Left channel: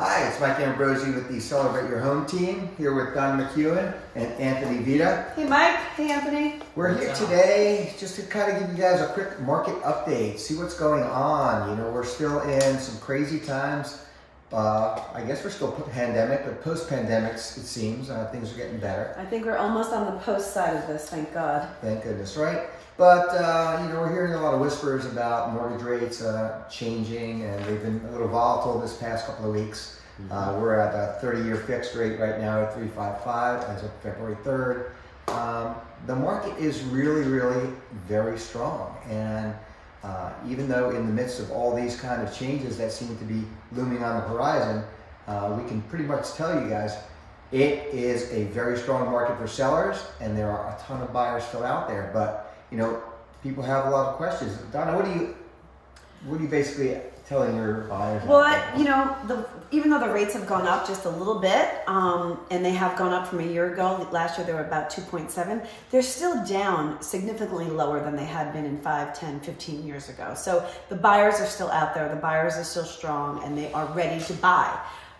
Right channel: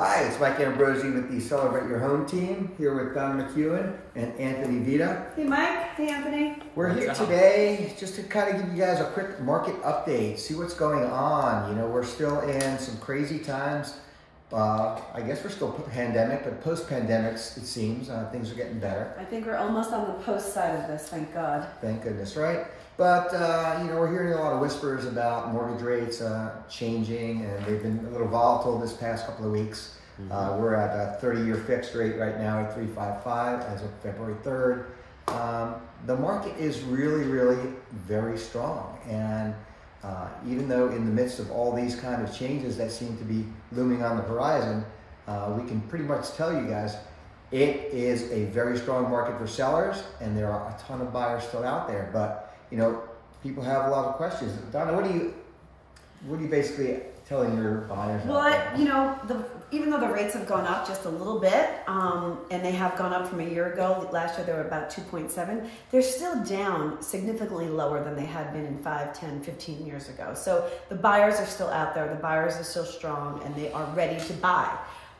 Hi, it's Mike Ambrozy with the Celebrate Your Home team, here with Donna, McKeown, and Anthony Vitta. Hey Mike, hey Anthony. We're here today just to kind of give you guys a quick market update, see what's going on. You know, we're still in some crazy times. I guess we're still pandemic, but post-pandemic, it seems, things are getting better. I think we're almost on the post side of this, thank God. Thank goodness, right? But, you know, we're hearing a lot of whispers about mortgage rates changing, and they've been a little volatile this past couple of weeks. We're at a 30-year fixed rate right now at 3.55 as of February 3rd. The market is really very strong. And even though in the midst of all these kind of changes that seem to be looming on the horizon, we can pretty much tell you guys, it is a very strong market for sellers, and there are a ton of buyers still out there. But you know, people have a lot of questions. Donna, what are you basically telling your buyers? Well, you know, even though the rates have gone up just a little bit, and they have gone up from a year ago, last year they were about 2.7, they're still down significantly lower than they had been in 5, 10, 15 years ago. So the buyers are still out there, the buyers are still strong, and they are ready to buy.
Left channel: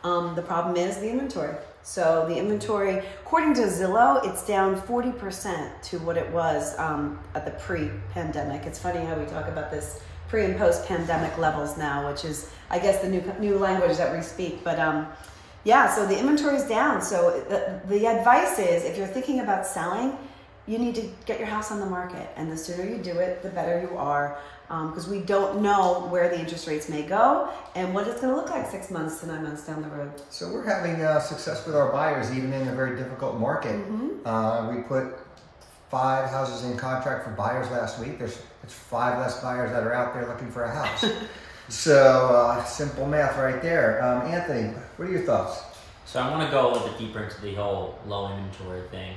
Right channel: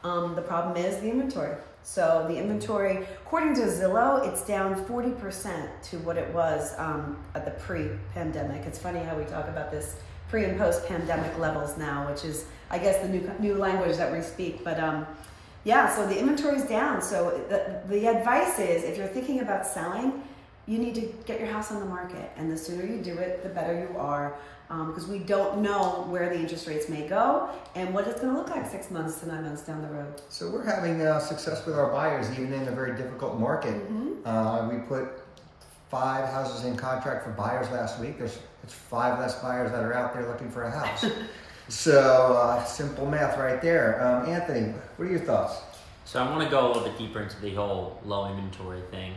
The problem is the inventory. So the inventory, according to Zillow, it's down 40% to what it was at the pre-pandemic. It's funny how we talk about this pre and post-pandemic levels now, which is, I guess, the new language that we speak. But yeah, so the inventory is down. So the advice is, if you're thinking about selling, you need to get your house on the market. And the sooner you do it, the better you are. Because we don't know where the interest rates may go and what it's going to look like 6 months to 9 months down the road. So we're having success with our buyers, even in a very difficult market. We put 5 houses in contract for buyers last week. It's 5 less buyers that are out there looking for a house. So simple math right there. Anthony, what are your thoughts? So I want to go a little bit deeper into the whole low inventory thing.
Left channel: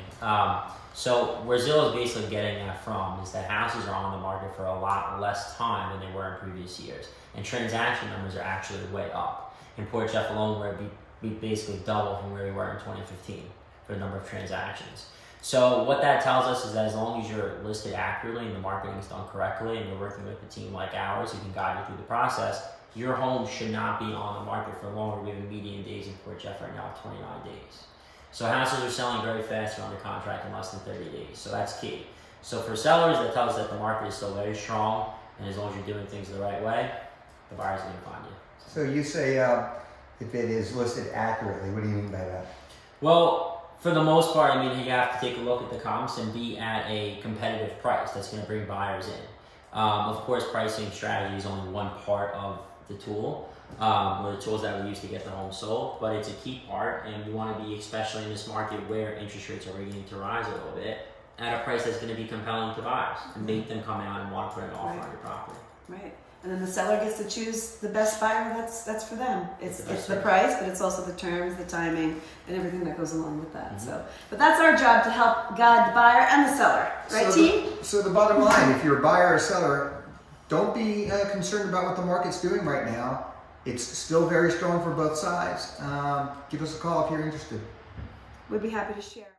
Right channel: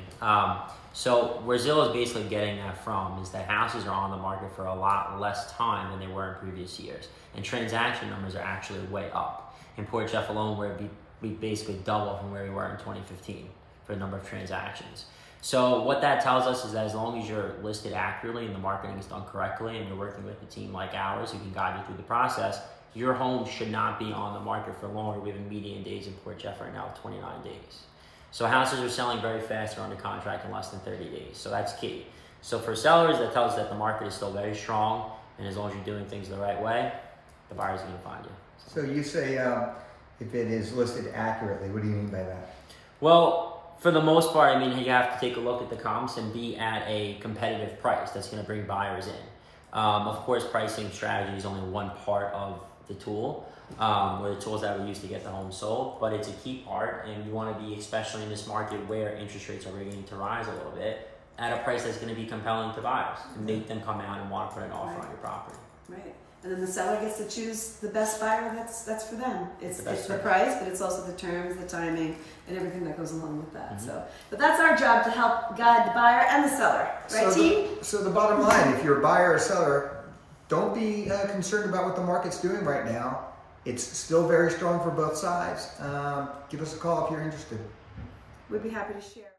So where Zillow is basically getting that from is that houses are on the market for a lot less time than they were in previous years. And transaction numbers are actually way up. In Port Jeff alone, we basically doubled from where we were in 2015 for the number of transactions. So what that tells us is that as long as you're listed accurately and the marketing is done correctly and you're working with a team like ours who can guide you through the process, your home should not be on the market for longer. We have a median days in Port Jeff right now of 29 days. So houses are selling very fast, they're under contract in less than 30 days. So that's key. So for sellers, that tells us that the market is still very strong, and as long as you're doing things the right way, the buyers are going to find you. So you say if it is listed accurately, what do you mean by that? Well, for the most part, I mean, you have to take a look at the comps and be at a competitive price that's going to bring buyers in. Of course, pricing strategy is only one part of the tool, or the tools that we use to get the home sold, but it's a key part, and you want to be, especially in this market where interest rates are beginning to rise a little bit, at a price that's going to be compelling to buyers and make them come out and want to put an offer on your property. Right. And then the seller gets to choose the best buyer that's for them. It's the price, but it's also the terms, the timing, and everything that goes along with that. So, but that's our job, to help guide the buyer and the seller, right, team? So the bottom line, if you're a buyer or seller, don't be concerned about what the market's doing right now. It's still very strong for both sides. Give us a call if you're interested. We'd be happy to share.